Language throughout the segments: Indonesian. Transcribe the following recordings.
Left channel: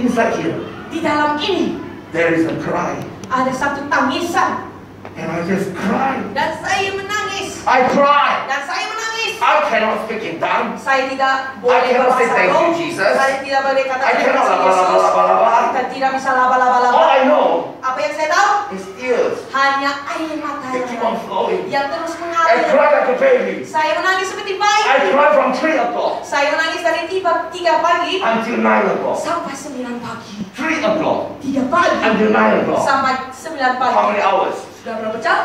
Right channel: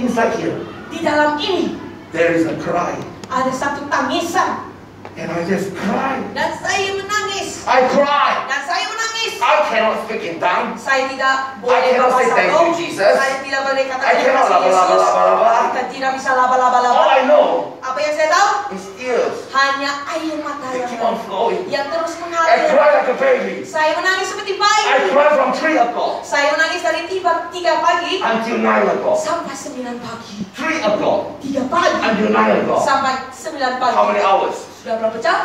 inside here, Di dalam ini there is a cry. ada satu tangisan. And I just cry. Dan saya menangis. I cry. Dan saya menangis. I cannot speak in tongues. Saya tidak I boleh cannot say berbahasa thank roh. you, Jesus. Saya tidak boleh kata I terima cannot kasih laba-laba, Yesus. laba-laba. Kita tidak bisa laba-laba. All I know Apa yang saya tahu? is tears. Hanya air mata They keep yang on flowing. terus I mengalir. cry like a baby. Saya menangis seperti bayi. I cry from 3 o'clock Saya menangis dari 3 pagi until 9 o'clock. sampai 9 pagi. 3 o'clock 3 pagi until 9 o'clock. sampai 9 pagi. How many hours? Sudah berapa jam?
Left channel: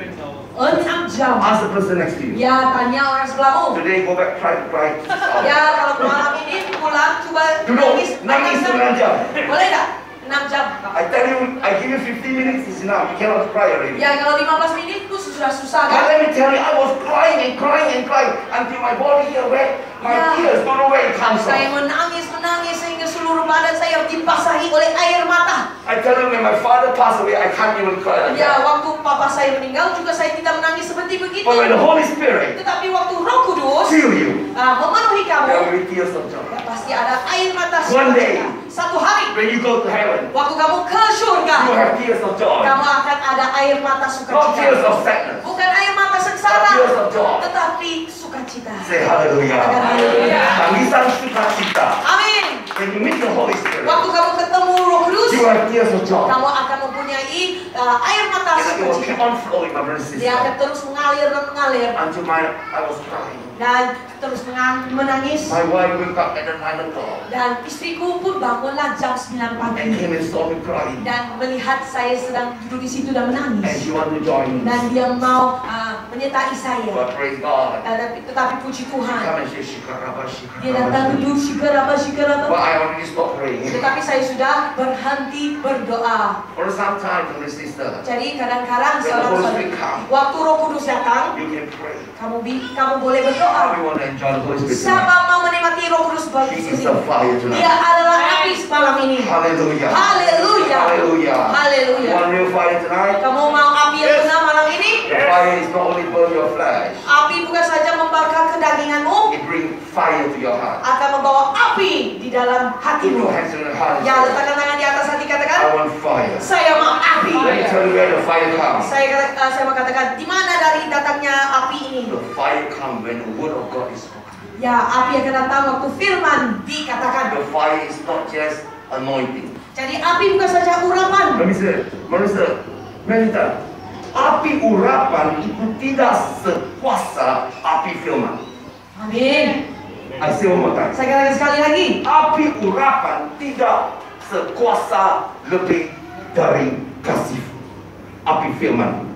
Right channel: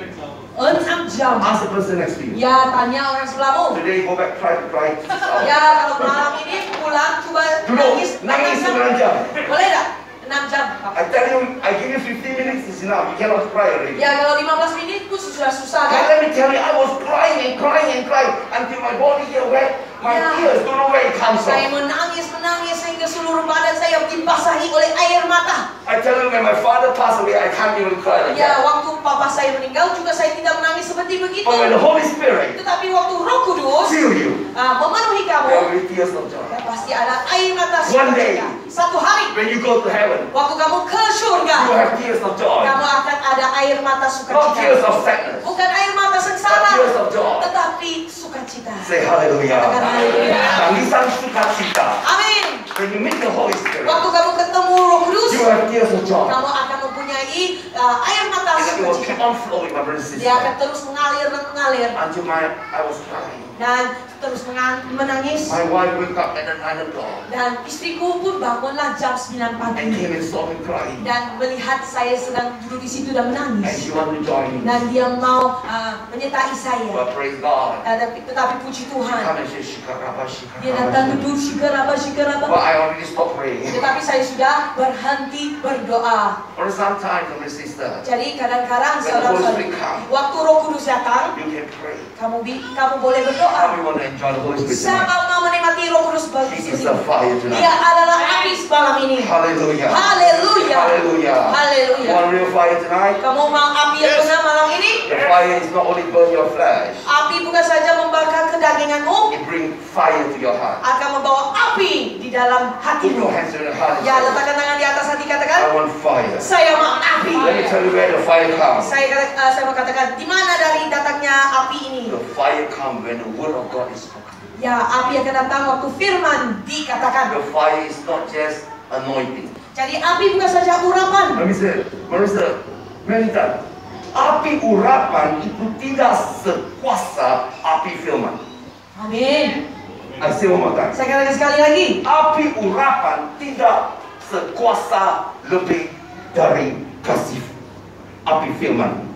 6 jam. Ask the person next to you. Ya, tanya orang sebelahmu. Today go back, try to cry 6 hours. Ya, kalau malam ini pulang coba Duduk, nangis 9 jam. Boleh tak? 6 jam. I tell you, I give you 15 minutes is enough. You cannot cry already. Ya, kalau 15 menit pun sudah susah But kan? let me tell you, I was crying and crying and crying until my body here wet. My Yeah. tears don't know where it comes Saya from. menangis sehingga seluruh badan saya dibasahi oleh air mata. I tell you, when my father passed away, I can't even cry like Ya, that. waktu papa saya meninggal juga saya tidak menangis seperti begitu. But when the Holy Spirit Tetapi waktu Roh Kudus fill you, memenuhi kamu, there will be tears of joy. ya pasti ada air mata One day. sukacita. Satu hari, When you go to heaven, waktu kamu ke surga, you will have tears of joy. kamu akan ada air mata Not tears sukacita. of sadness, Bukan air mata but sengsara, tears of joy. tetapi sukacita. Say hallelujah. Katakan haleluya. Tangisan sukacita. Amin. When you meet the Holy Spirit, Waktu kamu ketemu Roh Kudus, you will have tears of joy. kamu akan mempunyai air mata And it will keep sukacita. on flowing, my brothers and Dia akan sisters. terus mengalir dan mengalir Until I was crying. dan terus menangis. My wife woke up at 9 o'clock Dan istriku pun bangunlah jam 9 and pagi came and saw me crying. dan melihat saya sedang duduk di situ dan And menangis. she wanted to join me. Dan dia mau menyertai saya. But praise God. Tetapi puji She come Tuhan, and say, "Shikaraba, dia datang shikaraba." duduk shikaraba. But I already stopped praying. Tetapi saya sudah berhenti berdoa. For some time, my sister, Jadi kadang-kadang when the Holy saudara-saudara, Spirit come, waktu Roh Kudus datang, you can pray. kamu boleh berdoa. How do you want to enjoy the Holy Spirit tonight? Siapa mau menikmati Roh Kudus He is begitu? the fire Dia tonight. adalah api malam ini. Hallelujah. Haleluya. Hallelujah. You Haleluya. want real fire tonight? Kamu mau api yang benar malam ini? The fire is not only burn your flesh, Api bukan saja membakar kedaginganmu, it bring fire to your heart. akan membawa api di dalam Put hatimu. your hands on your heart and Ya, say, letakkan tangan di atas hati, I katakan, want fire. saya mau api. Let me tell you where the fire comes. Saya mau katakan, di mana dari datangnya api ini? The fire comes when the word of God is spoken. Ya, api akan datang waktu firman dikatakan. The fire is not just anointing. Jadi api bukan saja urapan. Minister, Melita, api urapan itu tidak sekuasa api firman. Amin. I say one more time. Saya katakan sekali lagi. Api urapan tidak sekuasa lebih dari kasih api firman.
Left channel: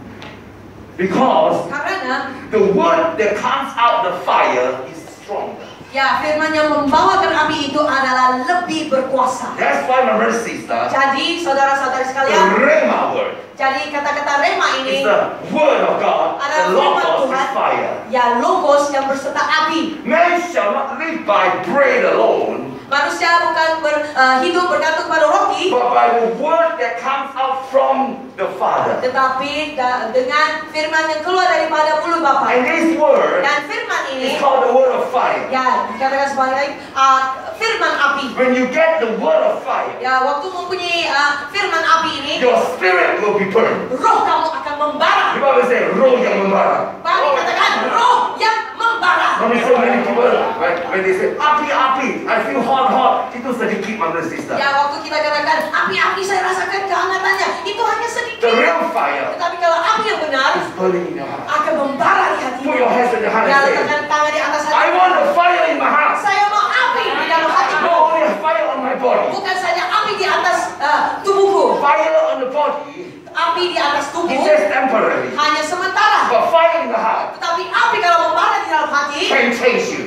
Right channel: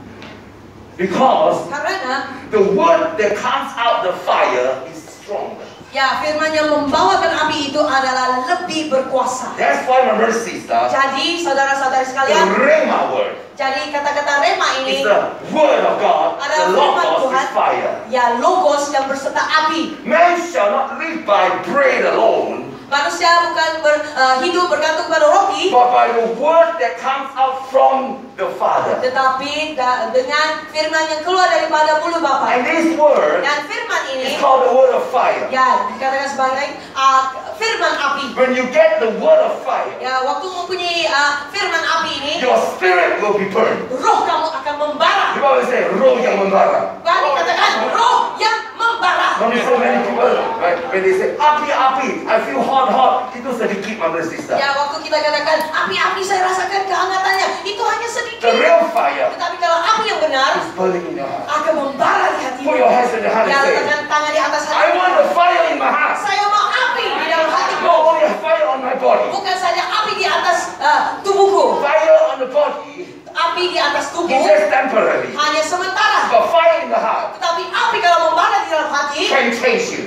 Because Karena the word that comes out the fire is stronger. ya, firman yang membawakan api itu adalah lebih berkuasa. That's why my brother and sister, Jadi saudara-saudari the sekalian, Rhema word jadi kata-kata rema is ini the word of God. adalah The firman logos Tuhan, is fire. ya logos yang berserta api. Man shall not live by bread alone, Manusia bukan hidup bergantung pada roti, but by the word that comes out from the Father. tetapi dengan firman yang keluar daripada mulut Bapa. And this word Dan firman is ini, called the word of fire. ya dikatakan sebagai firman api. When you get the word of fire, Ya, waktu mempunyai firman api ini, your spirit will be burned. roh kamu akan membara. The Bible says, roh yang membara. Bani katakan roh yang membara. Not so many people, when they say, api, I feel hot, itu sedikit, my brother and sister. Ya, waktu kita katakan api-api saya rasakan kehangatannya, itu hanya The sedikit. real fire Tetapi kalau api yang benar is burning in your heart. akan membara di hati. Put your hands on your heart Ya, and say, letakkan tangan di atas I hati. want the fire in my heart. Saya mau api di dalam hatiku. Not only a fire on my body, Bukan saja api di atas tubuhku. fire on the body Api di atas is tubuh just temporary. hanya sementara. But fire in the heart Tetapi api kalau membara di dalam hati can change you.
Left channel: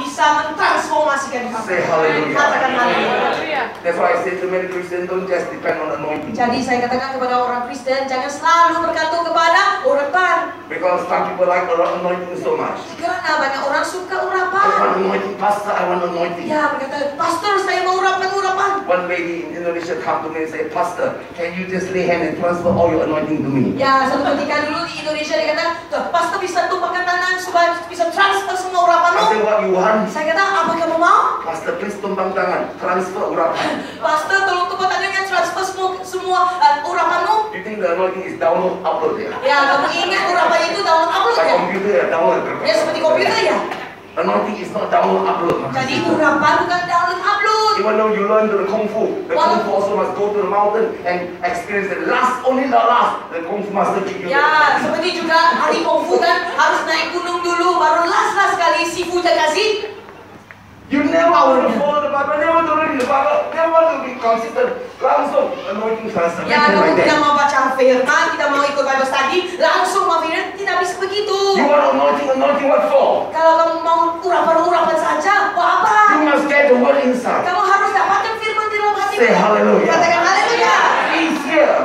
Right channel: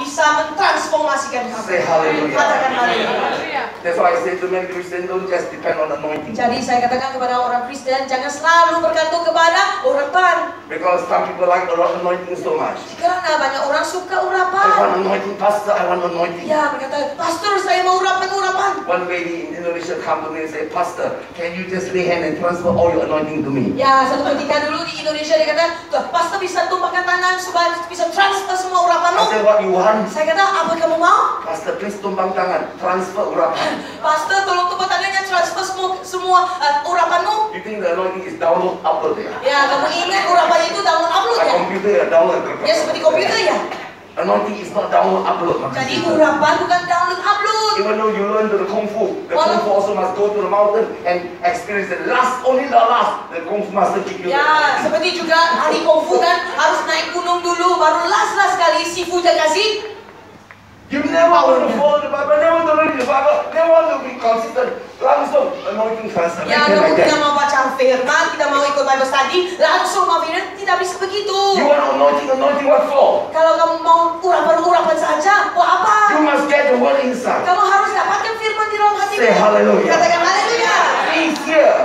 bisa mentransformasikan kamu. Say hallelujah. Katakan haleluya. That's why I say to many Christians, don't just depend on anointing. Jadi saya katakan kepada orang Kristen, jangan selalu bergantung kepada urapan. Because some people like anointing so much. Karena banyak orang suka I urapan. want anointing, pastor, I want anointing. Ya, berkata, pastor saya mau urapan. One lady in Indonesia come to me and say, Pastor, can you just lay hand and transfer all your anointing to me? Ya, suatu ketika dulu di Indonesia dia kata, "Tuh, Pastor bisa tumpahkan tangan supaya bisa transfer semua I urapanmu." said, what you want? Saya kata, "Apa kamu mau?" Pastor, please tumpang tangan, transfer urapan. Pastor, tolong tumpah tangannya transfer semua urapanmu. You think the anointing is download, upload ya? Ya, kamu ingat urapannya itu download upload Like ya? computer ya, download. Ya seperti komputer ya. Anointing is not download, upload. Jadi urapan bukan download upload. Even though you learn the Kung Fu also must go to the mountain and experience the last, only the last, the Kung Fu master give you. Ya, seperti juga hari kungfu kan harus naik gunung dulu, baru last kali sifu dia kasih. You never want to follow the Bible, never to read the Bible, never want to be consistent. Langsung anointing transfer. Ya, kalau kita mau baca firman, kita mau ikut Bible study, langsung mau firman, tidak bisa begitu. You want anointing what for? Kalau kamu mau urapan saja, mau apa? You must get the word inside. Kamu harus dapatkan firman di dalam hati. Say hallelujah. Katakan haleluya. He's here.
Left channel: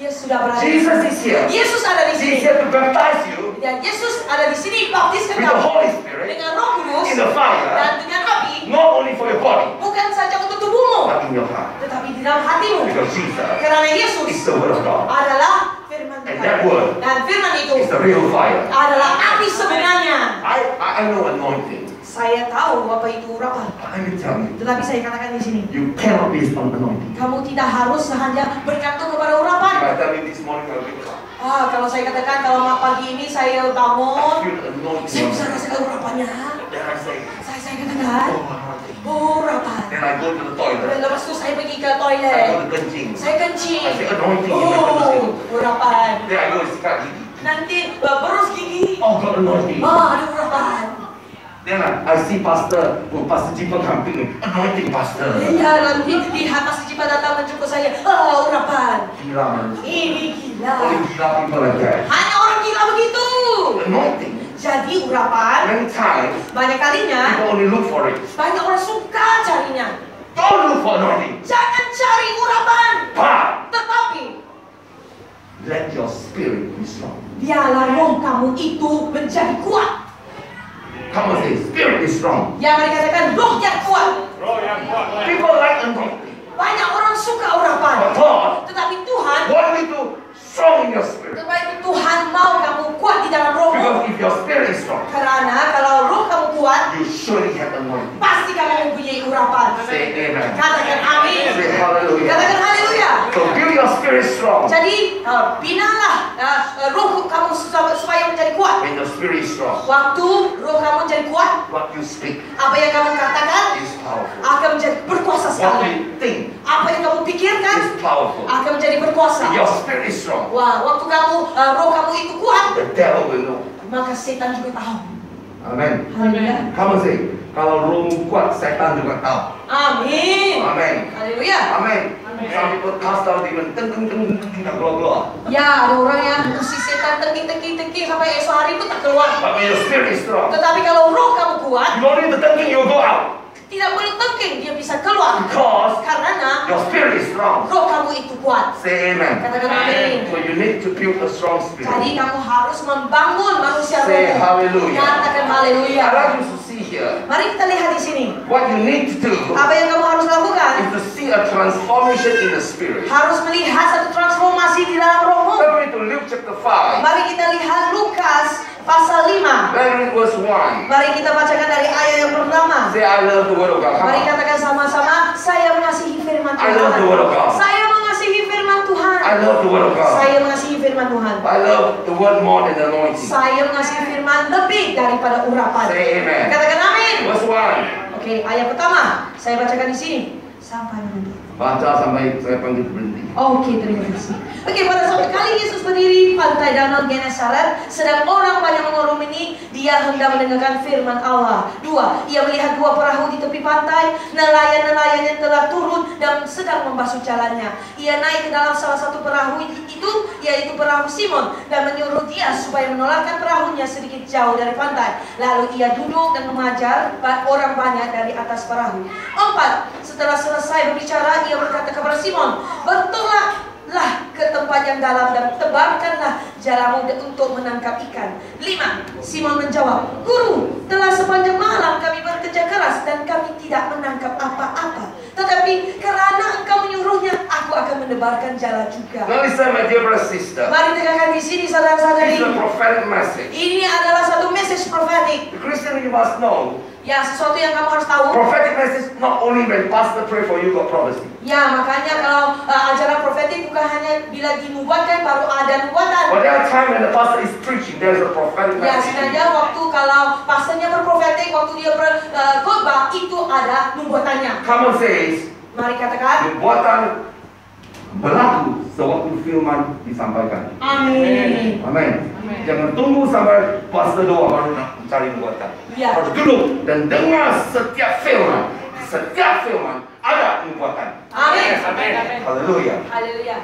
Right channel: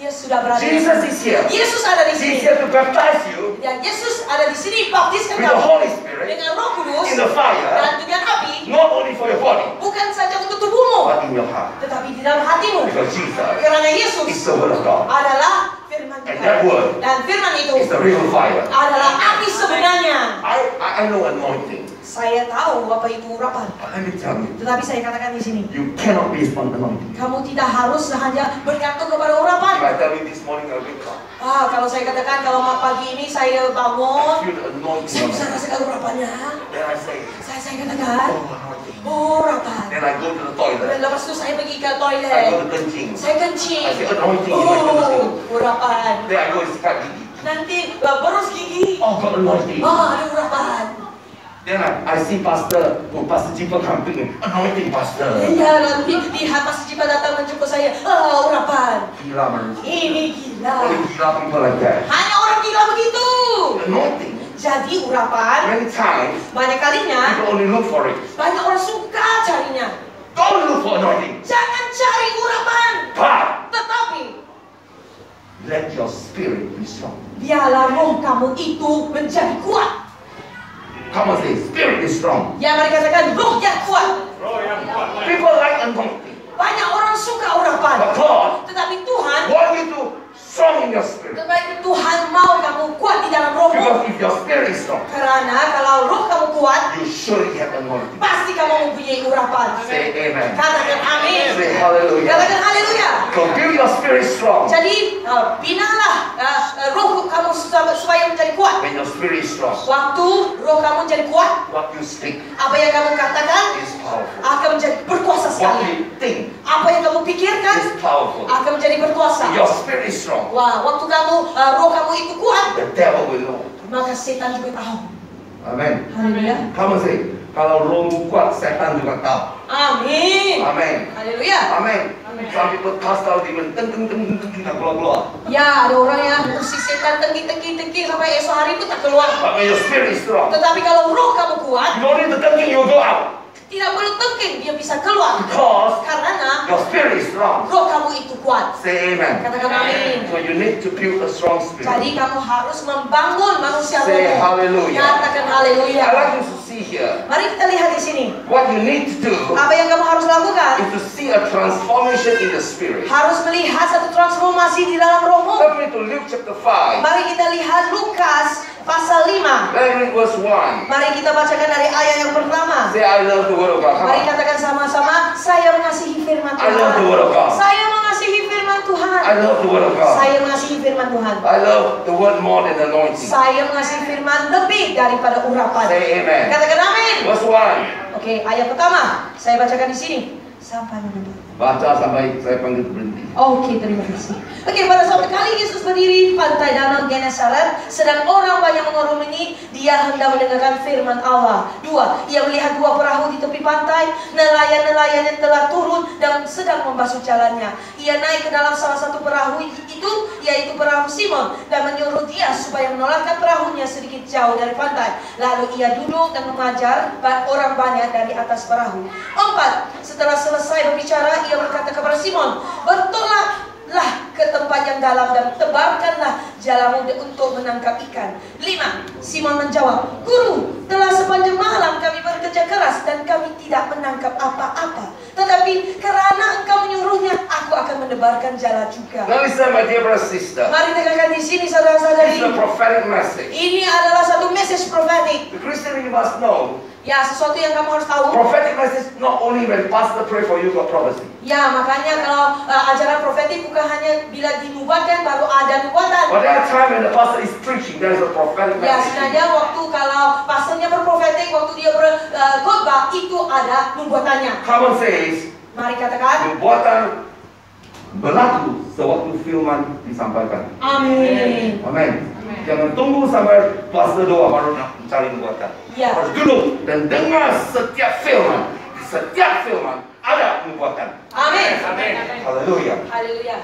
Yesus sudah berada. Jesus is here. Yesus ada di sini. He's here to baptize you Ya, Yesus ada di sini, baptiskan with the kamu Holy Spirit dengan Roh Kudus in the fire, dan dengan api, not only for your body, bukan saja untuk tubuhmu, but in your heart. tetapi di dalam hatimu. Because Jesus Karena Yesus is the word of God. adalah firman And Tuhan. that word Dan firman itu is the real fire. adalah api sebenarnya. I know anointing. Saya tahu apa itu urapan. But let me tell you, Tetapi saya katakan di sini, you cannot base on anointing. kamu tidak harus hanya bergantung kepada If urapan. I tell you this morning I wake up, Kalau saya katakan kalau pagi ini saya I bangun, feel the saya anointing. bisa rasakan urapannya. Then I say, Saya katakan, oh anointing. urapan. Then I go to the Dan toilet. lepas itu saya pergi ke I go toilet. to kencing. Saya kencing. I say anointing in my kencing. Urapan. Then I go sikat gigi. Nanti berus gigi. Oh got anointing. Ada urapan. Then I see Pastor Jipang hampir anointing Pastor. Iya, nanti lihat Pastor Jipa datang menjumpa saya. Urapan. Gila manusia. Ini gila. Only gila people like that. Hanya orang gila begitu. Anointing. Jadi urapan, Many times banyak kalinya, people only look for it. banyak orang suka carinya. Don't look for anointing. Jangan cari urapan. But Tetapi, let your spirit be strong. biarlah roh kamu itu menjadi kuat. Come on, say spirit is strong. Ya, mereka katakan roh yang kuat. People like anointing. Banyak orang suka urapan. But God Tetapi Tuhan, want you to strong in your spirit. tetapi Tuhan mau kamu kuat di dalam rohmu. Because if your spirit is strong, Karena kalau roh kamu kuat, you surely have anointing. pasti kamu mempunyai urapan. Say amen. Katakan amin. Say hallelujah. Katakan haleluya. So build your spirit strong. Jadi, binalah roh kamu supaya menjadi kuat. When your spirit is strong, Waktu roh kamu menjadi kuat, what you speak apa yang kamu katakan is powerful. akan menjadi berkuasa What sekali. you think Apa yang kamu pikirkan is powerful. akan menjadi berkuasa. If your spirit is strong, Wah, waktu kamu roh kamu itu kuat, the devil will know. maka setan juga tahu. Amen. Haleluya. Come on, say. Kalau rohmu kuat, setan juga tahu. Amin. Amen. Haleluya. Amen. Some people cast out demon, teng keluar. Ya, ada orang yang si setan tengking sampai esok hari pun tak keluar. But when your spirit is strong, Tetapi kalau roh kamu kuat, you don't need to thinking, you go out. tidak boleh tengking, dia bisa keluar. Because Karena your spirit is strong. roh kamu itu kuat. Say amen. Katakan amin. So you need to build a strong spirit. Jadi kamu harus membangun manusia Say rohmu. hallelujah. Katakan haleluya. I like you to see here. Mari kita lihat di sini. What you need to do Apa yang kamu harus lakukan? is to see a transformation in the spirit. Harus melihat satu transformasi di dalam rohmu. Let's read to Luke chapter 5. Mari kita lihat Lukas pasal 5. Let's read verse 1. Mari kita bacakan dari ayat yang pertama. Say, I love the word of God. Come Mari on. katakan sama-sama, saya mengasihi firman I love the Tuhan. word of God. Saya mengasihi firman Tuhan. I love the word of God. Saya mengasihi firman Tuhan. I love the word more than anointing. Saya mengasihi firman lebih daripada urapan. Say amen. Katakan amin. Verse 1. Oke, ayat pertama. Saya bacakan di sini. Sampai mana? Baca sampai saya panggil berhenti. Oke, terima kasih. Oke, pada suatu kali Yesus berdiri di pantai danau Genesaret, sedang orang banyak mengerumuni, dia hendak mendengarkan firman Allah. 2. Ia melihat dua perahu di tepi pantai, nelayan-nelayan yang telah turun dan sedang membasuh jalannya. Ia naik ke dalam salah satu perahu itu, yaitu perahu Simon, dan menyuruh dia supaya menolakkan perahunya sedikit jauh dari pantai. Lalu ia duduk dan mengajar orang banyak dari atas perahu. 4. Setelah selesai berbicara, ia berkata kepada Simon, "Bertolaklah ke tempat yang dalam dan tebarkanlah jalamu untuk menangkap ikan." 5. Simon menjawab, "Guru, telah sepanjang malam kami bekerja keras dan kami tidak menangkap apa-apa. Tetapi karena menebarkan jala juga. Now listen, my dear brother sister. Mari dengarkan di sini This saudara-saudari. is a prophetic message. Ini adalah satu message prophetic. The Christian, you must know, Ya, sesuatu yang kamu harus tahu. prophetic message not only when pastor pray for you got prophecy. Ya, makanya kalau ajaran profetik bukan hanya bila dinubuatkan baru ada nubuatan. But there are times when the pastor is preaching, there's a prophetic Ya, message. sengaja waktu kalau pastornya berprofetik, waktu dia berkhotbah itu ada nubuatannya. Common says, Mari katakan, nubuatan berlaku sewaktu firman disampaikan. amin. Amin. Jangan tunggu sampai pastor doa baru nak cari nubuatan. Ya. Harus duduk dan dengar setiap firman. Setiap firman ada nubuatan. Amin. Hallelujah. Haleluya.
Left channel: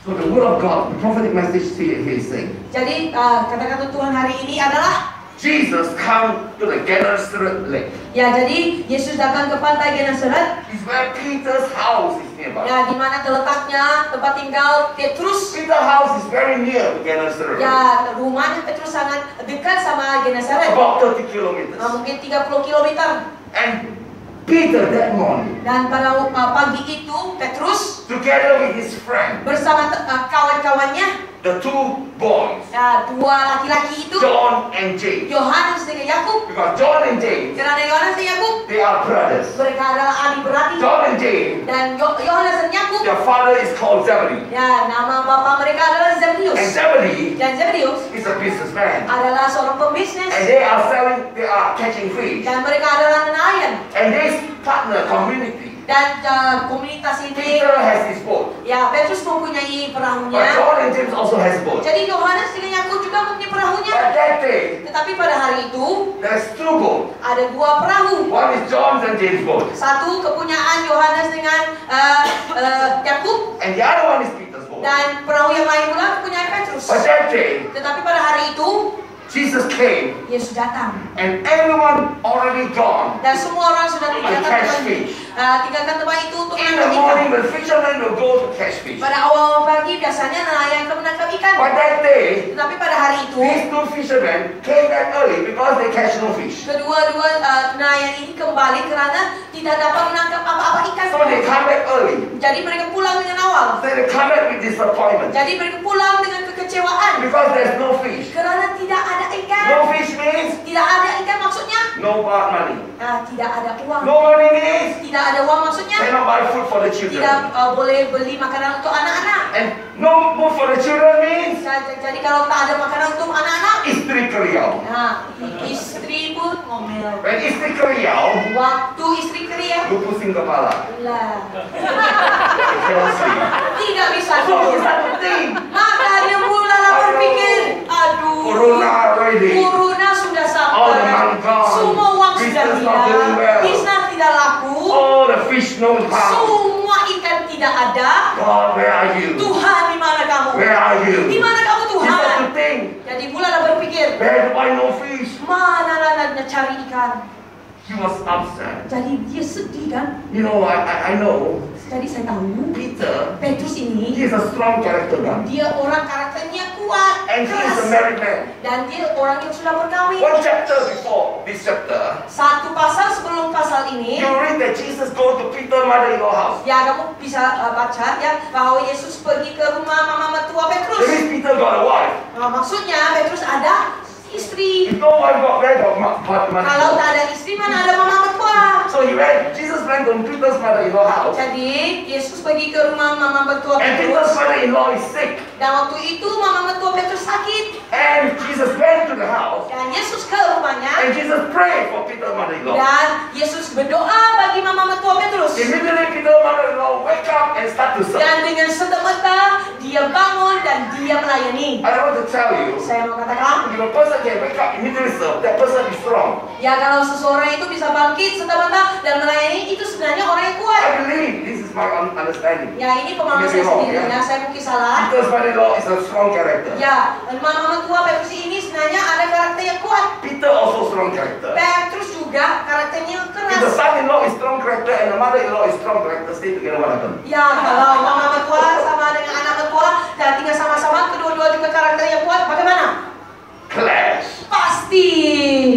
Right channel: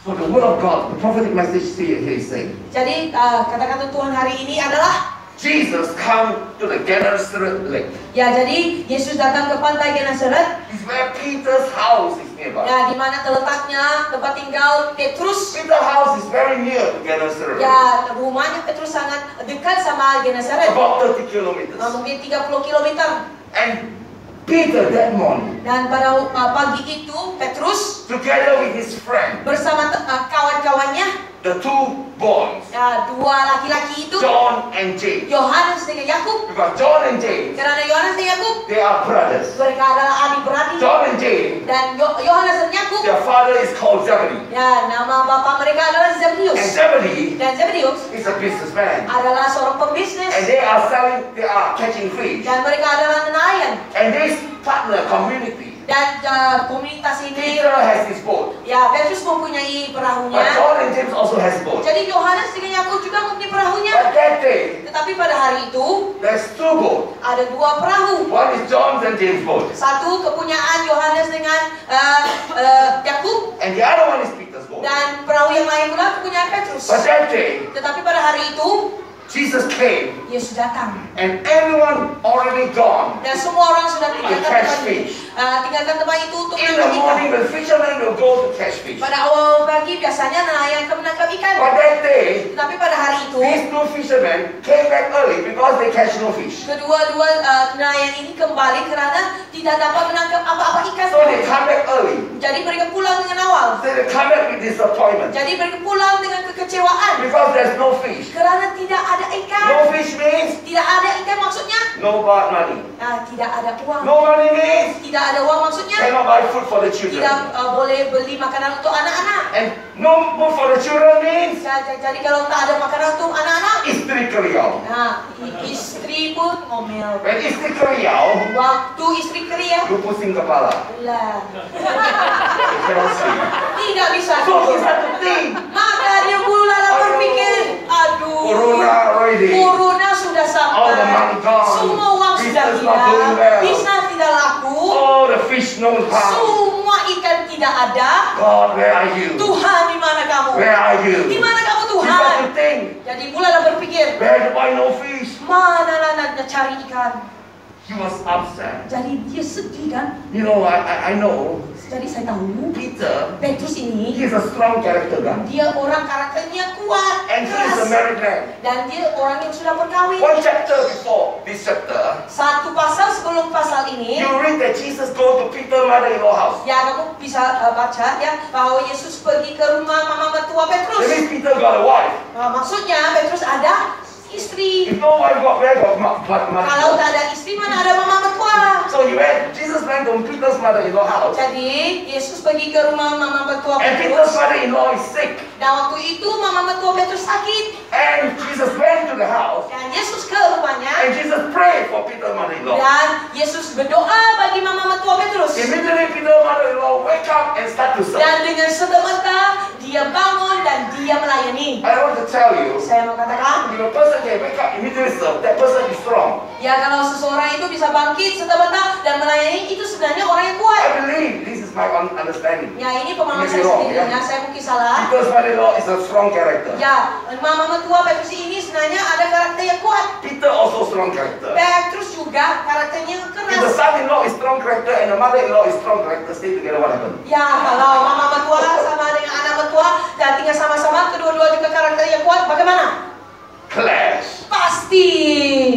So the word of God, the prophetic message here is saying, Jadi kata-kata Tuhan hari ini adalah Jesus come to the Gennesaret lake. ya, jadi Yesus datang ke pantai Genesaret. It's where Peter's house is nearby. Ya, di mana terletaknya tempat tinggal Petrus. Peter's house is very near to Gennesaret. Ya, rumahnya Petrus sangat dekat sama Genesaret. About 30 kilometers. Mungkin 30 kilometer. And Peter that morning, Dan pada pagi itu Petrus together with his friend, bersama kawan-kawannya, the two boys, dua laki-laki itu, John and James. Yohanes dengan Yakub. Because John and James, Karena Yohanes dan Yakub they are brothers. mereka adalah adik beradik. John and James, Dan Yohanes dan Yakub, their father is called Zebedee. ya, nama bapa mereka adalah And Zebedeus. Zebedee Dan Zebedeus is a businessman. adalah seorang pembisnis. And they are catching fish. Dan mereka adalah nelayan. And this partner community, Dan komunitas ini, Peter has his boat. ya, Petrus mempunyai But perahunya. John and James also has a boat. Jadi Yohanes dengan Yakub juga mempunyai perahunya. But that day, Tetapi pada hari itu there's two boats. ada dua perahu. One is John's and James' boat. Satu kepunyaan Yohanes dengan Yakub, And the other one is Peter's boat. dan perahu yang lain pula kepunyaan Petrus. But that day, Tetapi pada hari itu Jesus came Yesus datang and everyone already gone. dan semua orang sudah tinggalkan tempat itu untuk In the menangkap morning, ikan. the fishermen will go to catch fish. Pada awal pagi biasanya nelayan akan menangkap ikan. But that day, Tetapi pada hari itu these two fishermen came back early because they catch no fish. kedua-dua nelayan ini kembali karena tidak dapat menangkap apa-apa ikan. So they come back early. Jadi mereka pulang dengan awal. So they come back with disappointment Jadi mereka pulang dengan kekecewaan because there's no fish. karena tidak ada ikan. No fish means Tidak ada ikan maksudnya no money. tidak ada uang. No money means Tidak ada uang maksudnya cannot buy food for the children. tidak boleh beli makanan untuk anak-anak. And no food for the children means Jadi kalau tak ada makanan untuk anak-anak, istri keriau. istri pun ngomel. When istri keriau, Waktu istri kerja, lu pusing kepala. lah, You cannot sleep. tidak bisa So tidur. it's not the thing. Maka dia mulai berpikir, aduh, Corona already. corona sudah All the sampai, money gone. semua uang sudah Business not doing hilang, well. bisnis tidak laku, Oh, the fish no pound. semua ikan tidak ada. God, where are you? Tuhan, di mana kamu? Where are you? Di mana kamu You Tuhan? got to think. Jadi mulailah berpikir, Where do I no fish? mana nak cari ikan? He was upset. Jadi dia sedih kan? You know, I know Jadi saya tahu Peter, Petrus ini he is a strong character guy. dia orang karakternya kuat, And he is a keras, married man. dan dia orang yang sudah berkawin. One chapter before this chapter, Satu pasal sebelum pasal ini, you read that Jesus go to Peter's mother-in-law house. ya kamu bisa baca ya bahwa Yesus pergi ke rumah mama mertua That Petrus. means Peter got a wife. Maksudnya Petrus ada istri. If no one got where got Kalau mother-in-law. tak ada istri mana ada mama mertua. So Jesus went to Peter's mother-in-law house. Jadi Yesus pergi ke rumah mama mertua And Peter's Petrus. mother-in-law is sick. Dan waktu itu mama mertua Petrus sakit. And Jesus went to the house. Dan Yesus ke rumahnya. And Jesus prayed for Peter's mother-in-law. Dan Yesus berdoa bagi mama mertua Petrus. Immediately Peter's mother-in-law wake up and start to serve. Dan dengan serta-merta dia bangun dan dia melayani. I want to tell you, Saya mau katakan, if a person can wake up immediately serve, that person is strong. ya kalau seseorang itu bisa bangkit serta-merta dan melayani, itu sebenarnya orang yang kuat. I believe this is my understanding. Ya ini pemahaman Maybe saya wrong, sendiri, ya. ya saya mungkin salah. Peter's mother-in-law is a strong character. Ya, mama mertua Petrus ini sebenarnya ada karakter yang kuat. Peter also strong character. Petrus juga karakternya If the keras. son-in-law is strong character and the mother-in-law is strong character, stay together, what happens? Ya, kalau mama mertua sama dengan anak mertua dan tinggal sama-sama, kedua-dua juga karakter yang kuat, bagaimana? Clash. Pasti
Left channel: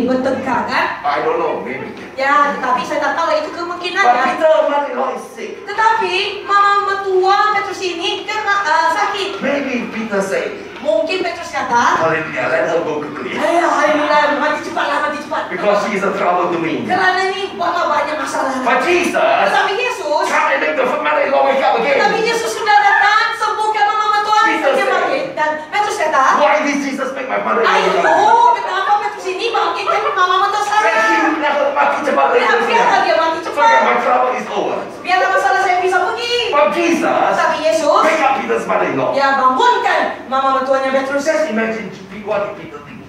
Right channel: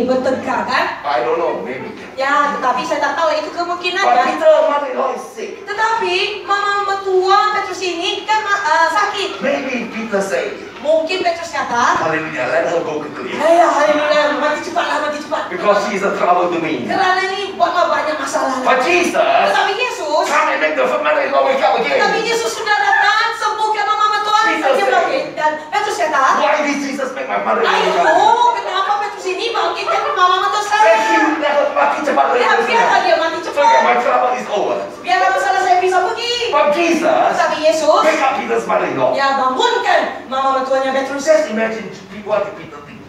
bertengkar kan? I don't know, maybe. Ya, tetapi saya tak tahu itu But kemungkinannya. Peter's mother-in-law is sick. sick. Tetapi mama mertua Petrus ini kan sakit. Maybe Peter said, Mungkin Petrus kata, hallelujah, let her go quickly. ayo haleluya, mati cepatlah, mati cepat. Because she is a trouble to me. Karena ini buatlah banyak masalah. But Jesus, Tetapi Yesus, come and make the mother-in-law wake up tapi again. Yesus sudah datang sembuhkan mama mertua Peter dia said, bangkit. Dan Petrus kata, Why did Jesus make my mother-in-law wake up again? ayo, kenapa Petrus ini bangkitkan mama mertua saya? Let him let her mati cepat lagi. Biarlah dia mati So that cepat. my trouble is over. Biarlah masalah saya bisa pergi. But Jesus, Tapi Yesus, wake up Peter's mother-in-law. ya bangunkan mama mertuanya Petrus. Just imagine what did Peter think.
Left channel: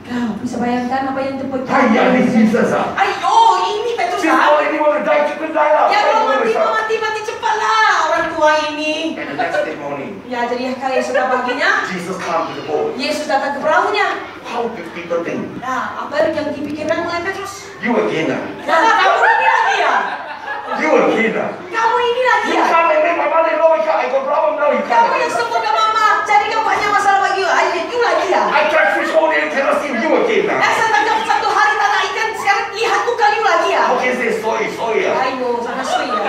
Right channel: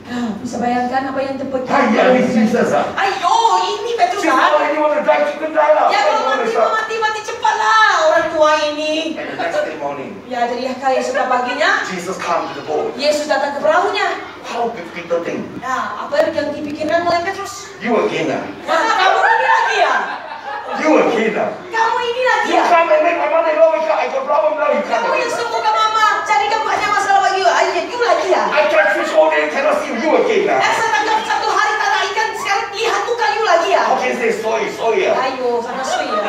Bisa bayangkan apa yang terjadi. Hiya, this Jesus. Ayo, ini Petrus She's already want to die, she could die now. Ya Why kalau you want to mati cepatlah orang tua ini. And the next day morning, Ya jadi kayak sudah paginya, Jesus come to the boat. Yesus datang ke perahunya. How did Peter think? Nah, apa yang dipikirkan oleh Petrus? You again, Nah, kamu ini lagi ya? You again. Kamu ini lagi You ya? come and make my mother-in-law wake up. I got problem now. You Kamu come. yang sembuhkan mama, jadikan banyak masalah bagi you. Ayo, you lagi ya? I catch fish all day, cannot see you again. Saya tangkap satu hari tanah ikan, sekarang lihat tuh kali you lagi ya? How can you say sorry? Ayo, sangat suy ya.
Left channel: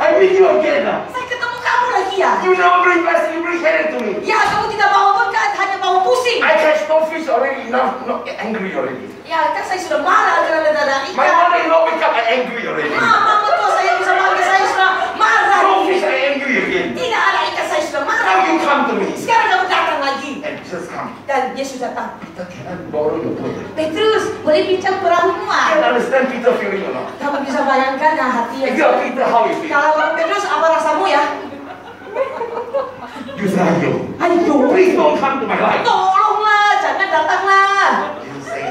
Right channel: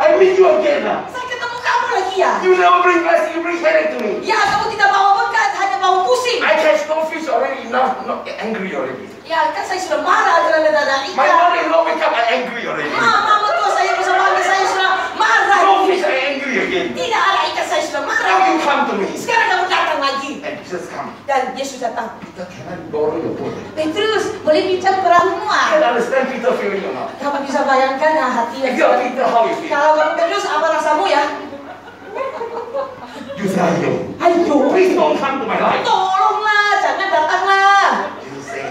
I meet you again. Saya ketemu kamu lagi ya? You never bring blessing, you bring headache to me. Ya, kamu tidak bawa berkat, hanya bawa pusing. I catch no fish already, enough, not angry already. Ya, kan saya sudah marah karena ada My ikan. mother-in-law wake up, I angry already. Mama mertua saya bisa panggil saya sudah marah. No fish, I angry again. Tidak ada ikan, saya sudah Now marah. you come to me. Sekarang kamu datang lagi. And Jesus come. Dan Yesus datang. Peter, can I borrow your boat? Petrus, boleh pinjam perahumu? Can I understand Peter feeling or not? Kamu bisa bayangkan ya hati If yang you are Peter, how you feel? Kalau kamu Petrus, apa rasamu ya? You say, Ayo. Ayo, Please don't come to my life. tolonglah, jangan datanglah. Jesus say,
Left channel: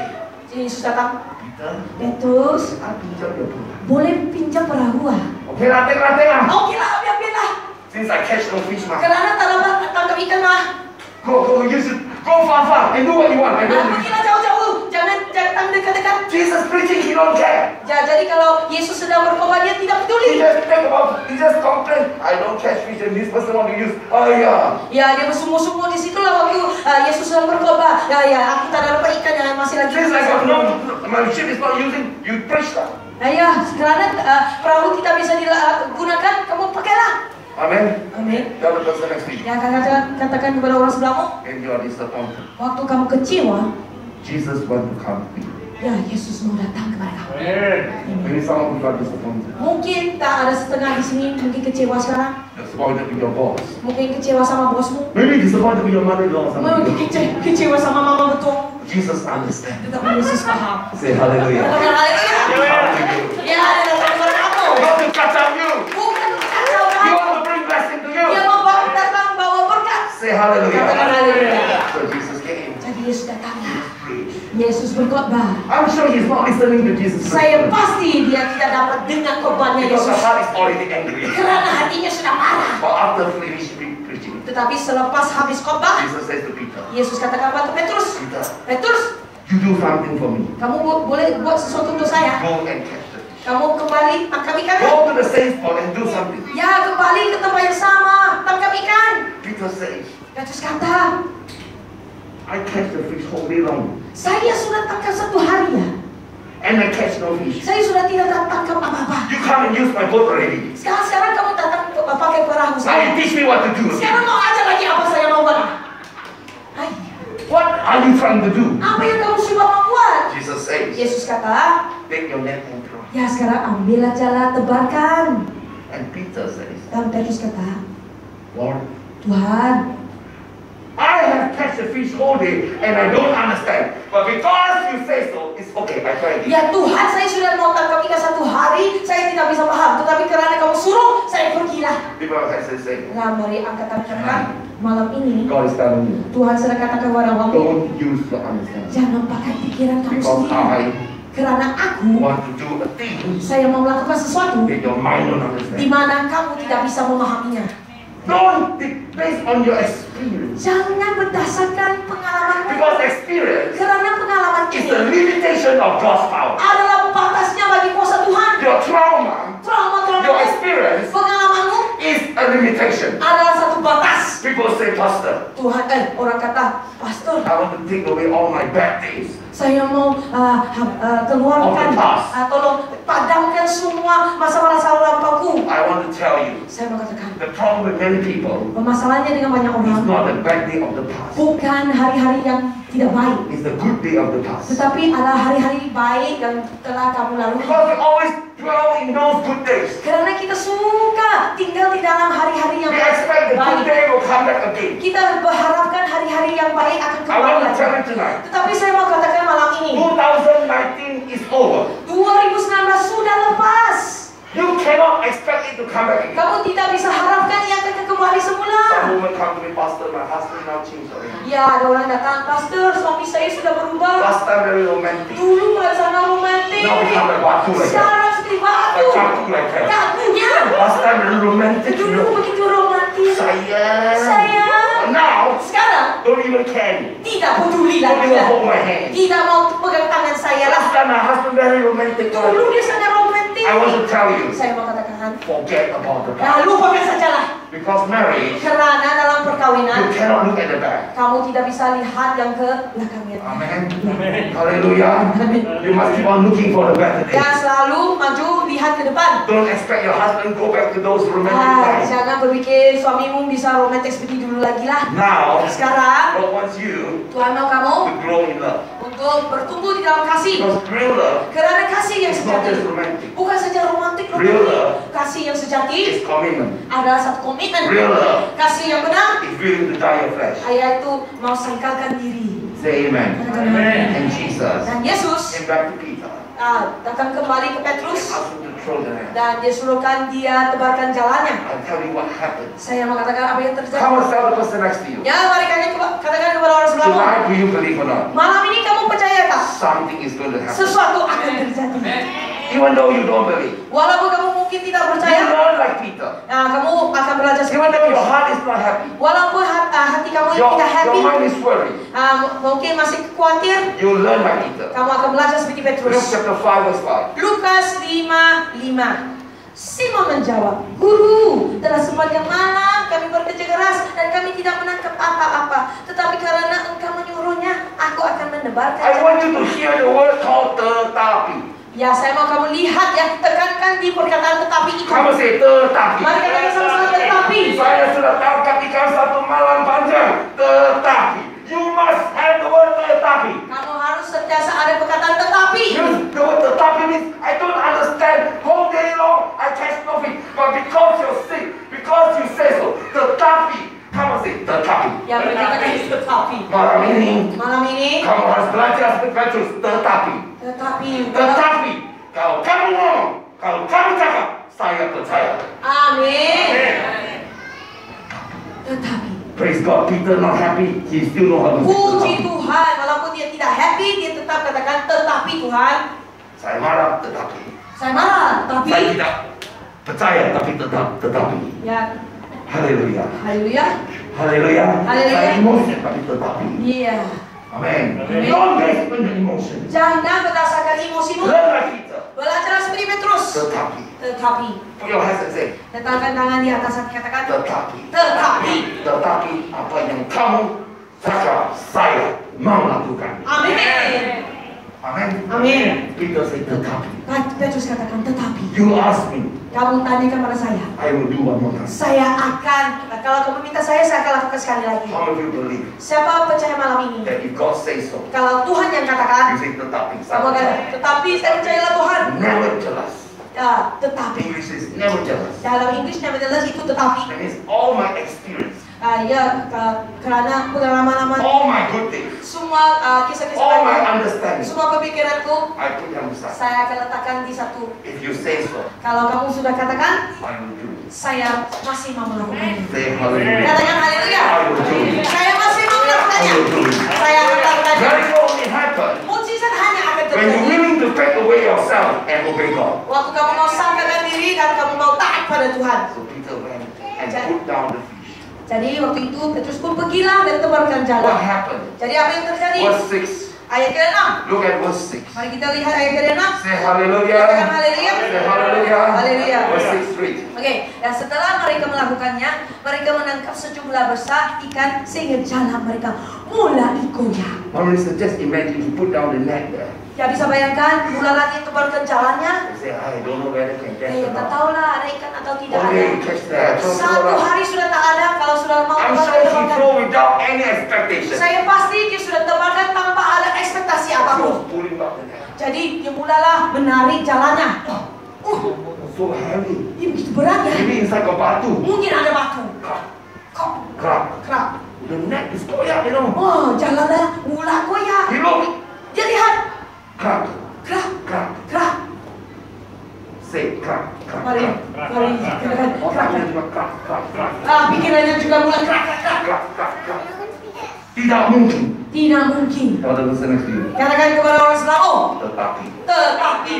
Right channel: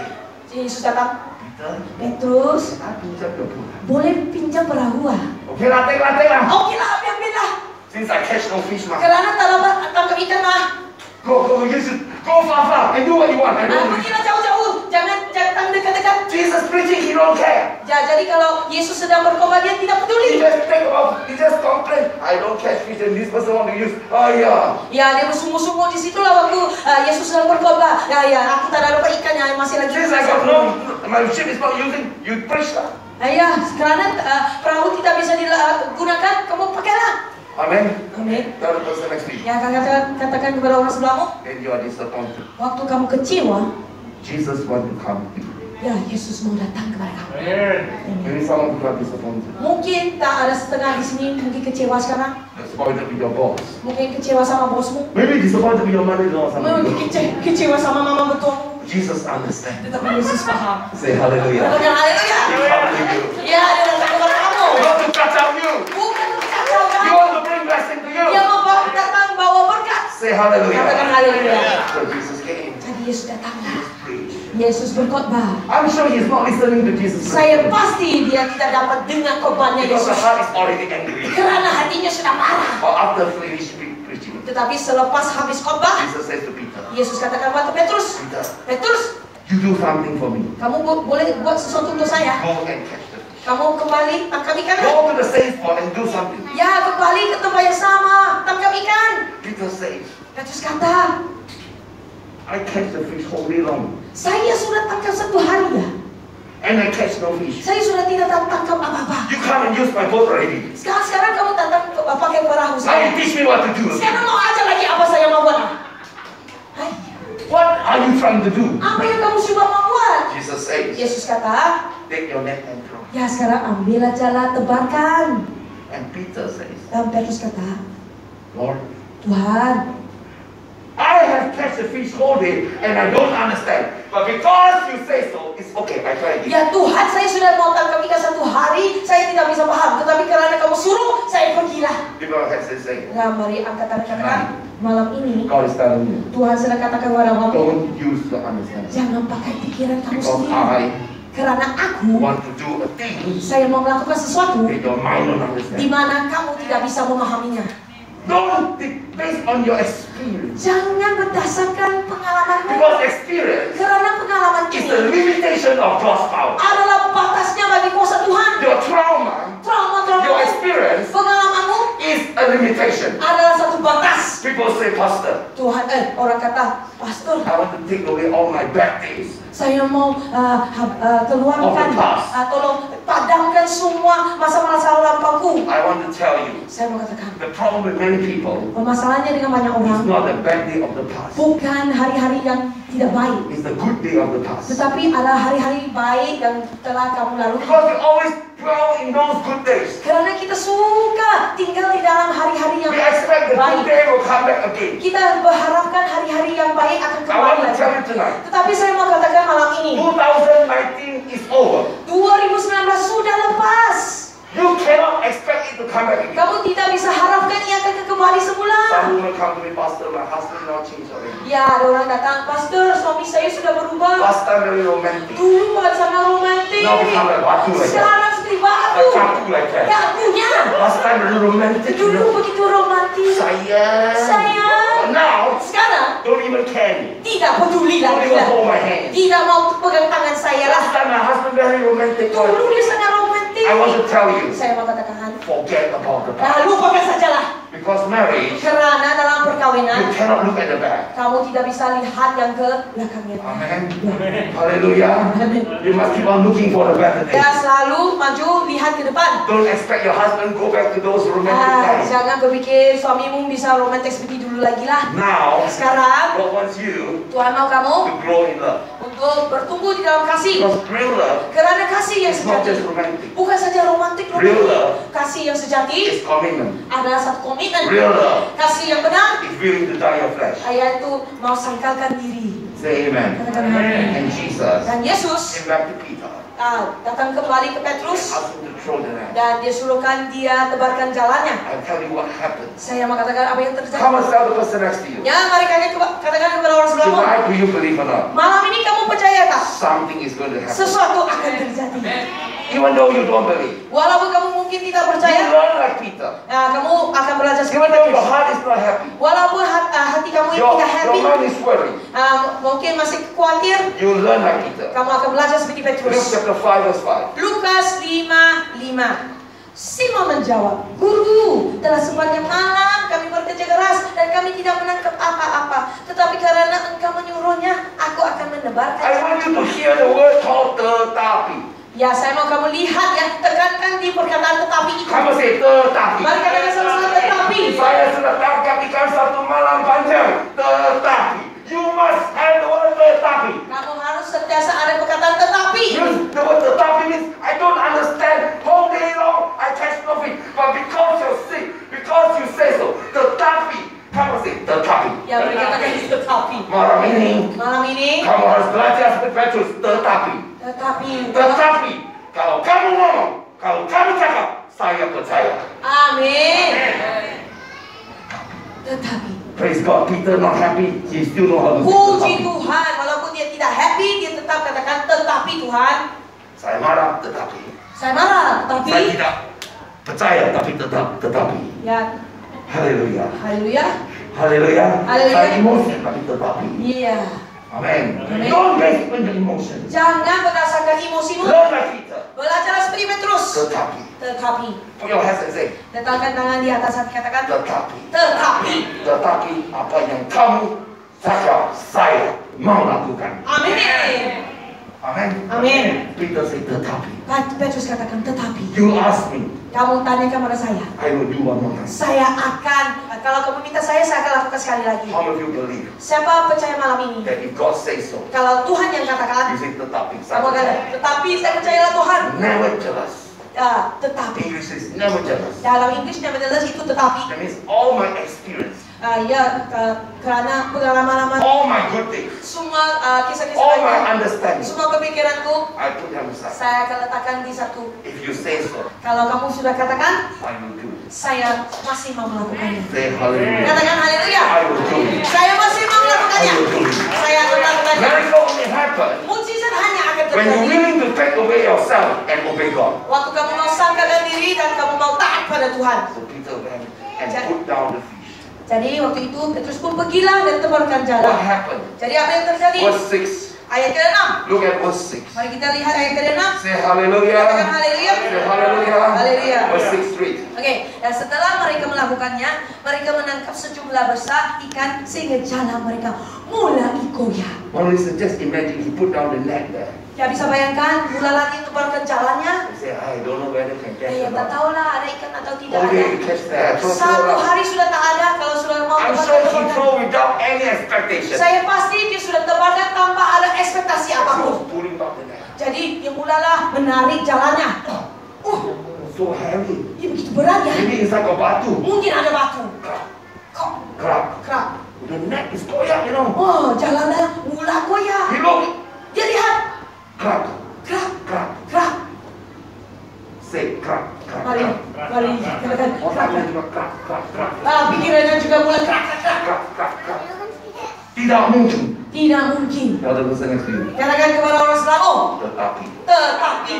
Yesus datang. Peter, Petrus, I pinjam your boat. boleh pinjam perahu ah? Okay lah, take lah. Oke lah, biar. Since I catch no fish, ma. Karena tangkap ikan mah. Go, you should go far and do what you want. I don't Pergilah jauh-jauh, jangan dekat-dekat. Jesus preaching, he don't care. Ya, jadi kalau Yesus sedang berkhotbah dia tidak He peduli. he just complain. I don't catch fish and this person want to use. Oh yeah. Ya, dia bersungguh-sungguh di situlah waktu Yesus sedang berkhotbah. Ya, aku tak ada lupa ikan yang masih lagi. Since I got no, my ship is not using. You preach that. Ya, karena perahu tidak bisa digunakan, kamu pakailah. Amen. Amin. Tell the person next to you. Ya, katakan kepada orang sebelahmu, When you are disappointed, waktu kamu kecewa, Jesus want to come to you. ya Yesus mau datang kepada kamu. Maybe someone who got disappointed. Mungkin tak ada setengah di sini, mungkin kecewa sekarang, Disappointed with your boss. mungkin kecewa sama bosmu, Maybe disappointed with your mother-in-law or mungkin something. kecewa sama mama betul. Jesus understand. Tetapi Yesus paham. Say hallelujah. Katakan haleluya. He come to you. Ya, dia datang kepada kamu. He want to catch up you. Bukan kacau He kan? want to bring blessing to you. Dia mau datang bawa berkat. Say hallelujah. Katakan haleluya. So Jesus came. Jadi Yesus datang. Preach. Yesus berkhotbah. I'm sure he's not listening to Jesus. Saya pasti dia tidak dapat dengar khotbahnya Because the Yesus. heart is already angry. Karena hatinya sudah marah. But after finishing preaching, Tetapi selepas habis khotbah, Jesus says to Peter, Yesus katakan kepada Petrus, Peter, Petrus, you do something for me. kamu boleh buat sesuatu untuk saya. Go and catch the fish. Kamu kembali tangkap ikan. Go to the same spot and do something. Ya, kembali ke tempat yang sama, tangkap ikan. Peter says, Petrus kata, I catch the fish whole day long. saya sudah tangkap satu hari ya. And I catch no fish. Saya sudah tidak tangkap apa-apa. You come and use my boat already. Sekarang kamu datang pakai perahu Now you saya. teach me what to do. Sekarang mau aja lagi apa saya mau buat. Hai, What are you trying to do? apa yang kamu sudah mau buat? Jesus says, Yesus kata, take your net and throw. ya sekarang ambillah jala, tebarkan. And Peter says, Dan Petrus kata, Lord, Tuhan, I have catch the fish whole day and I don't understand. But because you say so, it's okay. I try again. ya Tuhan, saya sudah mau tangkap ikan satu hari, saya tidak bisa paham. Tetapi karena kamu suruh, saya pergilah. People have say, Nah, mari angkat tangan katakan, malam ini God is telling you, Tuhan sedang katakan kepada kamu, don't use your understanding. jangan pakai pikiran kamu Because sendiri. I Karena aku, want to do a thing saya mau melakukan sesuatu that your mind don't di understand. mana kamu tidak bisa memahaminya. Don't think based on your experience. Jangan berdasarkan pengalamanmu. Because experience Karena pengalaman is the ini limitation of God's power. adalah batasnya bagi kuasa Tuhan. Your trauma, your Trauma-trauma, experience pengalamanmu is a limitation. adalah satu batas. People say, Pastor, Tuhan, orang kata, Pastor, I want to take away all my bad days. saya mau keluarkan, Of the past. tolong padamkan semua semua masa-masa lampauku. I want to tell you, Saya mau katakan, the problem with many people masalahnya dengan banyak is orang not the bad day of the past. bukan hari-hari yang tidak baik, It's the good day of the past. tetapi ada hari-hari baik yang telah kamu lalui. Because we always dwell in those good days. Karena kita suka tinggal di dalam hari-hari yang We expect the good baik. day will come back again. Kita berharapkan hari-hari yang baik akan I kembali want to lagi. tell you tonight, Tetapi saya mau katakan malam ini, 2019 is over. 2019 sudah lepas. You cannot expect it to come back again. Kamu tidak bisa harapkan ia akan kembali semula. Some women come to me, Pastor, my husband now changed already. Ya, ada orang datang, Pastor, suami saya sudah berubah. Last time very romantic. Dulu sangat romantis. Now become like batu like that. Sekarang seperti batu. Like batu like that. Kakunya. Last time very romantic. You Dulu know. begitu romantis. Sayang. Sayang. But now, Sekarang don't even care me. tidak peduli Don't lagi. even hold my hand. Tidak mau pegang tangan saya Last lah. time my husband very romantic. Dulu dia sangat romantis. I want to tell you, Saya mau katakan, forget about the nah, past. lupakan sajalah. Because marriage, Karena dalam you perkawinan, cannot look at the back. kamu tidak bisa lihat yang ke belakangnya. Amen. Hallelujah. You must keep on looking for the better Ya, days. selalu maju lihat ke depan. Don't expect your husband go back to those romantic times. Jangan berpikir suamimu bisa romantis seperti dulu lagi lah. Now, Sekarang, God wants you Tuhan mau kamu to grow in love. untuk bertumbuh di dalam kasih. Because real love Karena kasih yang is not just sejati romantic. bukan saja romantik, Real love kasih yang sejati It's commitment. adalah satu komitmen. Real love Kasih yang benar, is willing to die your flesh. yaitu mau sangkalkan diri. Say amen. Katakan amin. And Jesus Dan Yesus came back to Peter. datang kembali ke Petrus Asked him to throw the net. dan dia suruhkan dia tebarkan jalannya. I'll tell you what happened. Saya mau katakan apa yang terjadi. Come and tell the person next to you. Ya, mari katakan kepada orang sebelahmu. Tonight, do you believe or not? Malam ini kamu percaya tak? Something is going to happen. Sesuatu akan terjadi. Even though you don't believe. Walaupun kamu mungkin tidak You percaya, learn like Peter. kamu akan belajar Even seperti though your Petrus. heart is not happy. Walaupun hati kamu ini Your tidak happy, mind is worried. mungkin masih khawatir, You learn like Peter. kamu akan belajar seperti Luke Petrus. chapter 5 verse 5. Lukas 5:5. Simon menjawab, Guru, telah sepanjang malam kami bekerja keras dan kami tidak menangkap apa-apa. Tetapi karena engkau menyuruhnya, aku akan menebarkan. I want you to hear the word called tetapi. Ya, saya mau kamu lihat ya, tekankan di perkataan tetapi itu. Kamu say tetapi. Mari katakan sama-sama tetapi. Saya sudah tangkap ikan satu malam panjang. Tetapi. You must have the word tetapi. Kamu harus sentiasa ada perkataan tetapi. Yes, the word tetapi means I don't understand. Whole day long I catch nothing. But because you're sick, because you say so, tetapi. Kamu say tetapi. Ya, mari katakan tetapi. Malam ini kamu harus belajar seperti Petrus. Tetapi. Tetapi kalau kamu ngomong, kalau kamu cakap, saya percaya. Amin. Tetapi. Praise God, Peter not happy, he still know how to say Puji tetapi. Tuhan, walaupun dia tidak happy, dia tetap katakan tetapi Tuhan. Saya marah, tetapi. Saya marah, tapi. Saya tidak percaya, tapi tetapi. Ya, Haleluya. haleluya. Haleluya. Haleluya. Saya emosi, tapi tetapi. Iya. Amen. Amen. Don't get in the emotion. Jangan berdasarkan emosimu. Learn like Peter. Belajar seperti Petrus. Tetapi. Tetapi. Put your hands and say, Letakkan tangan di atas hati, katakan. tetapi. Tetapi. Tetapi apa yang kamu cakap, saya mau lakukan. Amin. Amen. Amin. Peter say tetapi. Petrus katakan tetapi. You ask me, Kamu tanyakan pada saya. I will do one more time. Saya akan, kalau kamu minta saya akan lakukan sekali lagi. How many of you believe Siapa percaya malam ini? that if God says so, Kalau Tuhan yang katakan, you say tetapi. kamu akan, tetapi saya percayalah Tuhan. Never jealous. Ya, tetapi. English is never jealous. Dalam Inggris nevertheless itu tetapi. That means all my experience, Karena pengalaman all my good things, semua kisah-kisah all my saya, understanding, semua pemikiranku, I put them aside. saya akan letakkan di satu. If you say so, Kalau kamu sudah katakan, I will do it. saya masih mau melakukannya. Say hallelujah. Katakan haleluya. I will do it. Saya masih mau melakukannya. I will do it. Saya akan melakukannya. Miracle only happen Mujizat hanya akan when you're terjadi willing to take away yourself and obey God. waktu kamu mau sangkalkan diri dan kamu mau taat pada Tuhan. So Peter went and put down the fish. Jadi waktu itu Petrus pun pergilah dan tebarkan What jalan. happened? Jadi apa yang terjadi? Verse 6. Ayat ke-6. Look at verse 6. Mari kita lihat ayat ke-6. Say hallelujah. Katakan haleluya. Say hallelujah. Hallelujah. Haleluya. Verse 6 read. Oke, dan setelah mereka melakukannya, mereka menangkap sejumlah besar ikan sehingga jalan mereka mulai goyah. One reason, just imagine he put down the net there. Ya bisa bayangkan, mula lagi tebarkan jalannya. He said, I don't know whether can catch Ya or tak not. tahulah ada ikan atau tidak One ada. day he catch that. Satu hari sudah tak ada, kalau sudah mau I'm tebarkan, sure he tebarkan. threw without any expectation. Saya pasti dia sudah tebarkan tanpa ada ekspektasi He was apapun. pulling back the net. Jadi dia mulalah menarik jalannya. So heavy. Ini begitu berat ya. Maybe inside got batu. Mungkin ada batu. Crack, Kok crack. kerak. The net is koyak, you know. Oh, jalannya mula goyah. He looked. Dia lihat. Crack, Kerak, crack. kerak. Say crack, crack, Mari, crack. mari. Katakan, kerak, Otaknya kerak. juga crack, crack, crack. Pikirannya juga mulai kerak, kerak, kerak. Crack, crack, crack. Tidak mungkin. Tidak mungkin. Tell the person next to you. Katakan kepada orang sebelah, oh, Tetapi. tetapi.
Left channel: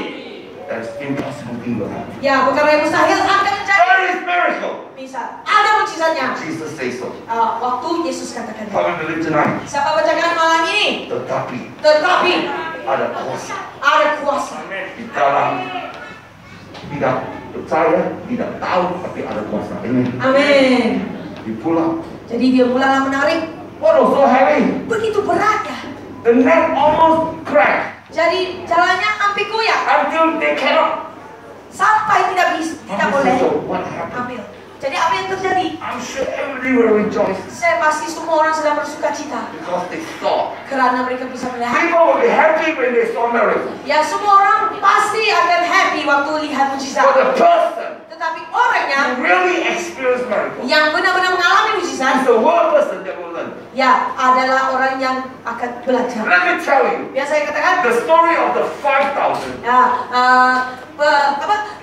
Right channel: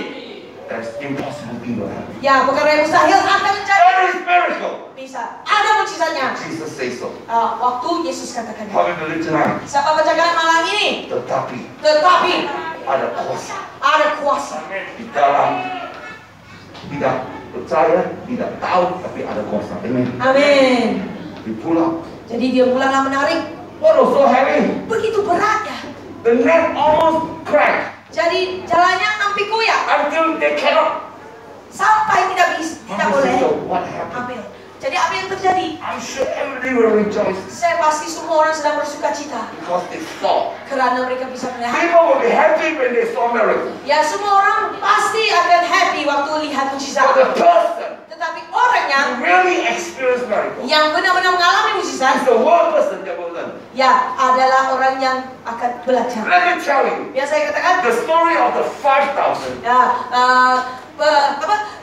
That's impossible thing will happen. Ya, perkara yang mustahil akan terjadi. There is miracle. Bisa. Ada mujizatnya. Jesus says so. Waktu Yesus katakan. How we believe tonight. Siapa bacakan malam ini? Tetapi Tetapi ada kuasa ada kuasa. di dalam tidak percaya, tidak tahu, tapi ada kuasa. Amen. Amin. Di pulau. Jadi dia mulalah menarik. What was so heavy? Begitu berat ya. The net almost cracked Jadi jalannya hampir goyah. until they cannot. Sampai tidak bisa, tidak boleh So what happened? ambil. Jadi apa yang terjadi? I'm sure everybody will rejoice Saya pasti semua orang sedang bersuka cita. because they saw. Kerana mereka bisa melihat. People will be happy when they saw miracle. Ya semua orang pasti akan happy waktu lihat But mujizat. the person Tetapi orangnya who really experienced miracle yang benar-benar mengalami is mujizat, the one person that will learn. ya adalah orang yang akan belajar. Let me tell you, Biasa saya katakan, the story of the 5,000. ya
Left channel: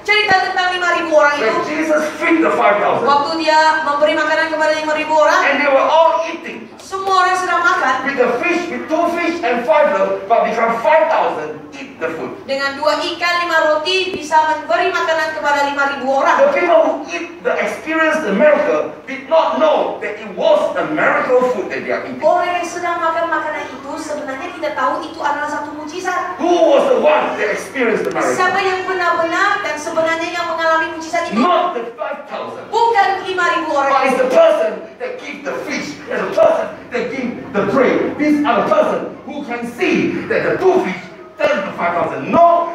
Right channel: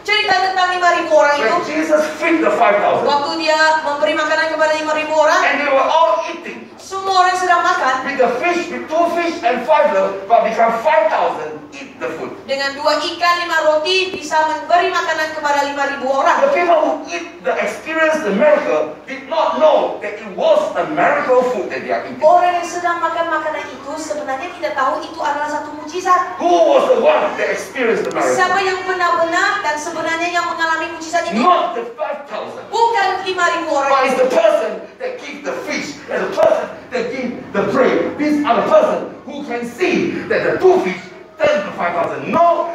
cerita tentang 5.000 orang itu. When Jesus fed the 5,000 Waktu dia memberi makanan kepada 5.000 orang, and they were all eating semua orang sedang makan. with the fish, with 2 fish and 5 loaves, but become 5,000 eat the food. Dengan 2 ikan, 5 roti bisa memberi makanan kepada 5.000 orang. The people who experience the miracle did not know that it was a miracle food that they are eating. Orang yang sedang makan makanan itu sebenarnya tidak tahu itu adalah satu mujizat. Who was the one that experienced the miracle? Siapa yang benar-benar dan sebenarnya yang mengalami mujizat itu? Not the 5,000. Bukan 5.000 orang But it's itu. the person that gives the fish and the person that gives the bread. These are the person who can see that the 2 fish turned to 5,000. No,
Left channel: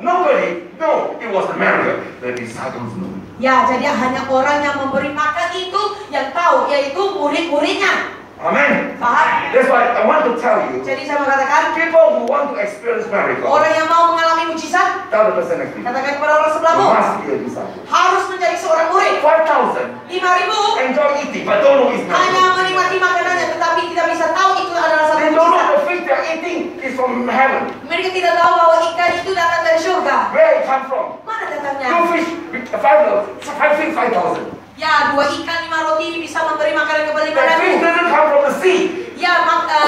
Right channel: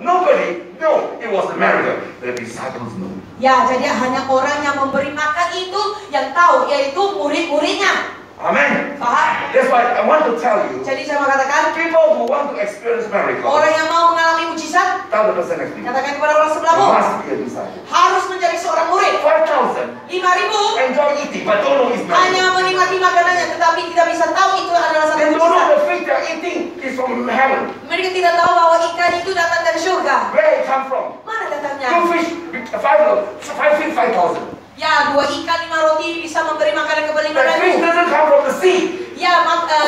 nobody know it was a miracle. The disciples know. Ya, jadi hanya orang yang memberi makan itu yang tahu, yaitu murid-muridnya. Amen. Paham? That's why I want to tell you, Jadi saya mau katakan, people who want to experience miracle, orang yang mau mengalami mujizat, tell the person next to you, katakan kepada orang you sebelahmu, must be a disciple. harus menjadi seorang murid. 5,000 5.000 enjoy eating, but don't know it's hanya miracle. menikmati makanannya, tetapi tidak bisa tahu itu adalah satu They don't know mujizat. the fish they're eating is from heaven. Mereka tidak tahu bahwa ikan itu datang dari surga. Where it come from? Mana datangnya? 2 fish, 5 loaves, 5 fish, 5,000. Ya, 2 ikan 5 roti bisa memberi makanan kepada That fish 5.000. doesn't come from the sea. Ya,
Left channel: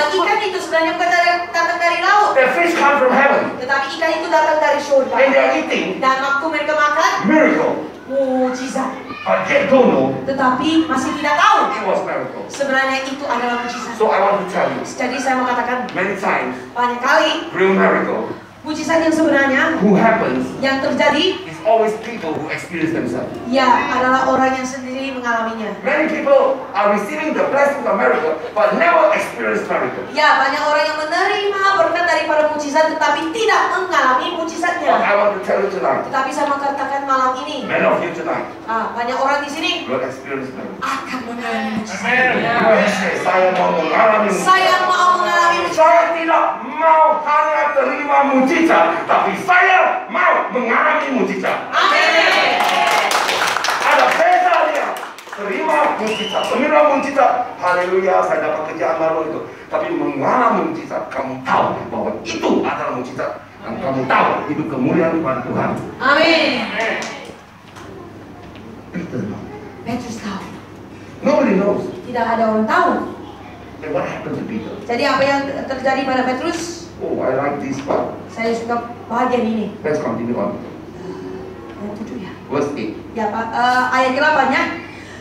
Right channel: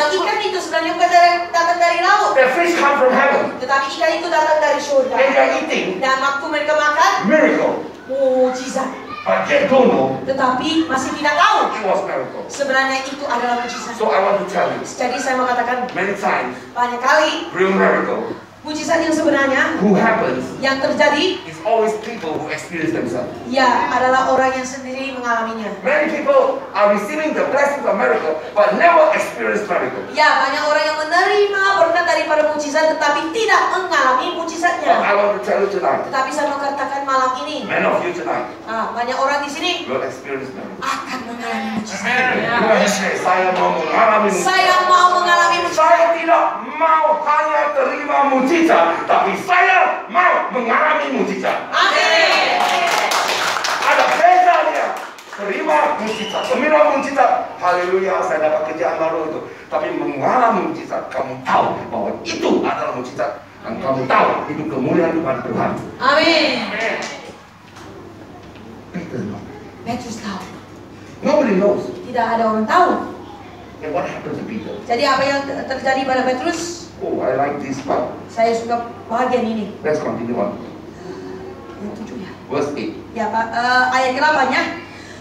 ikan itu sebenarnya bukan datang dari laut, That fish come from heaven. tetapi ikan itu datang dari surga. And they're eating Dan waktu mereka makan, miracle. mujizat. But yet don't know Tetapi masih tidak tahu it was miracle. sebenarnya itu adalah mujizat. So I want to tell you, Jadi saya mau katakan many times, banyak kali real miracle mujizat yang sebenarnya who happens yang terjadi is always people who experience themselves. ya adalah orang yang sendiri mengalaminya. Many people are receiving the blessings of miracle, but never experience miracle. Ya, banyak orang yang menerima berkat daripada mujizat tetapi tidak mengalami But mujizatnya. I want to tell you tonight, Tetapi saya mau katakan malam ini, many of you tonight banyak orang di sini will experience miracle. akan mengalami mujizat. You will say, saya mau mengalami mujizat. Saya mau mengalami mujizat. Saya tidak mau hanya terima mujizat, tapi saya mau mengalami mujizat. Amin. Ada bedanya terima mujizat, terima mujizat. Haleluya, saya dapat kerjaan baru itu. Tapi mengalami mujizat, kamu tahu bahwa itu adalah mujizat. Dan kamu tahu itu kemuliaan kepada Tuhan. Amin. Peter knows. Petrus tahu. Nobody knows. Tidak ada orang tahu. And what happened to Peter? Jadi apa yang terjadi pada Petrus? Oh, I like this part. Saya suka bagian ini. Let's continue on. Yang 7 ya. Verse 8. Ya, Pak. Ayat ke-8 ya.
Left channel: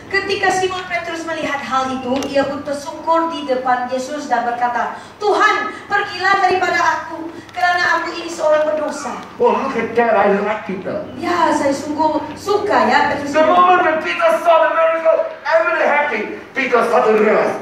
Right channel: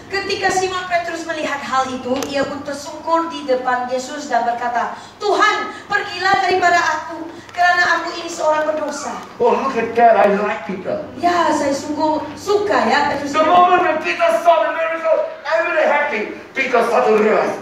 Ketika Simon Petrus melihat hal itu, ia pun tersungkur di depan Yesus dan berkata, Tuhan, pergilah daripada aku, kerana aku ini seorang berdosa. Oh, look at that. I like Peter. Ya, saya sungguh suka ya Petrus. The moment when Peter saw the miracle, I'm really happy. Peter started to realize,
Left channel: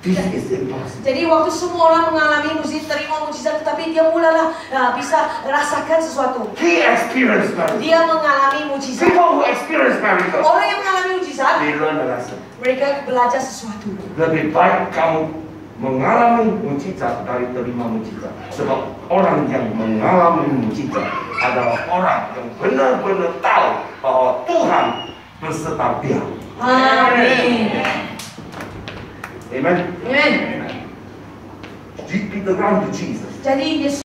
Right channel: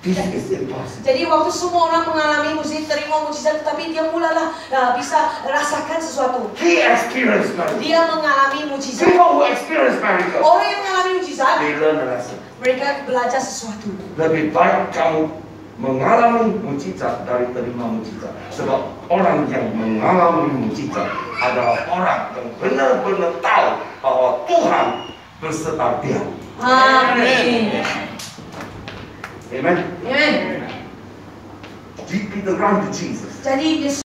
this is impossible. Jadi waktu semua orang mengalami terima mujizat, tetapi dia mulalah bisa rasakan sesuatu. He experienced miracle. Dia mengalami mujizat. People who experience miracle, Orang yang mengalami mujizat, they learn the lesson. mereka belajar sesuatu. Lebih baik kamu mengalami mujizat dari terima mujizat. Sebab orang yang mengalami mujizat adalah orang yang benar-benar tahu bahwa Tuhan berserta dia. Amin. Amen. Amin. Peter ran to Jesus. Jadi Yesus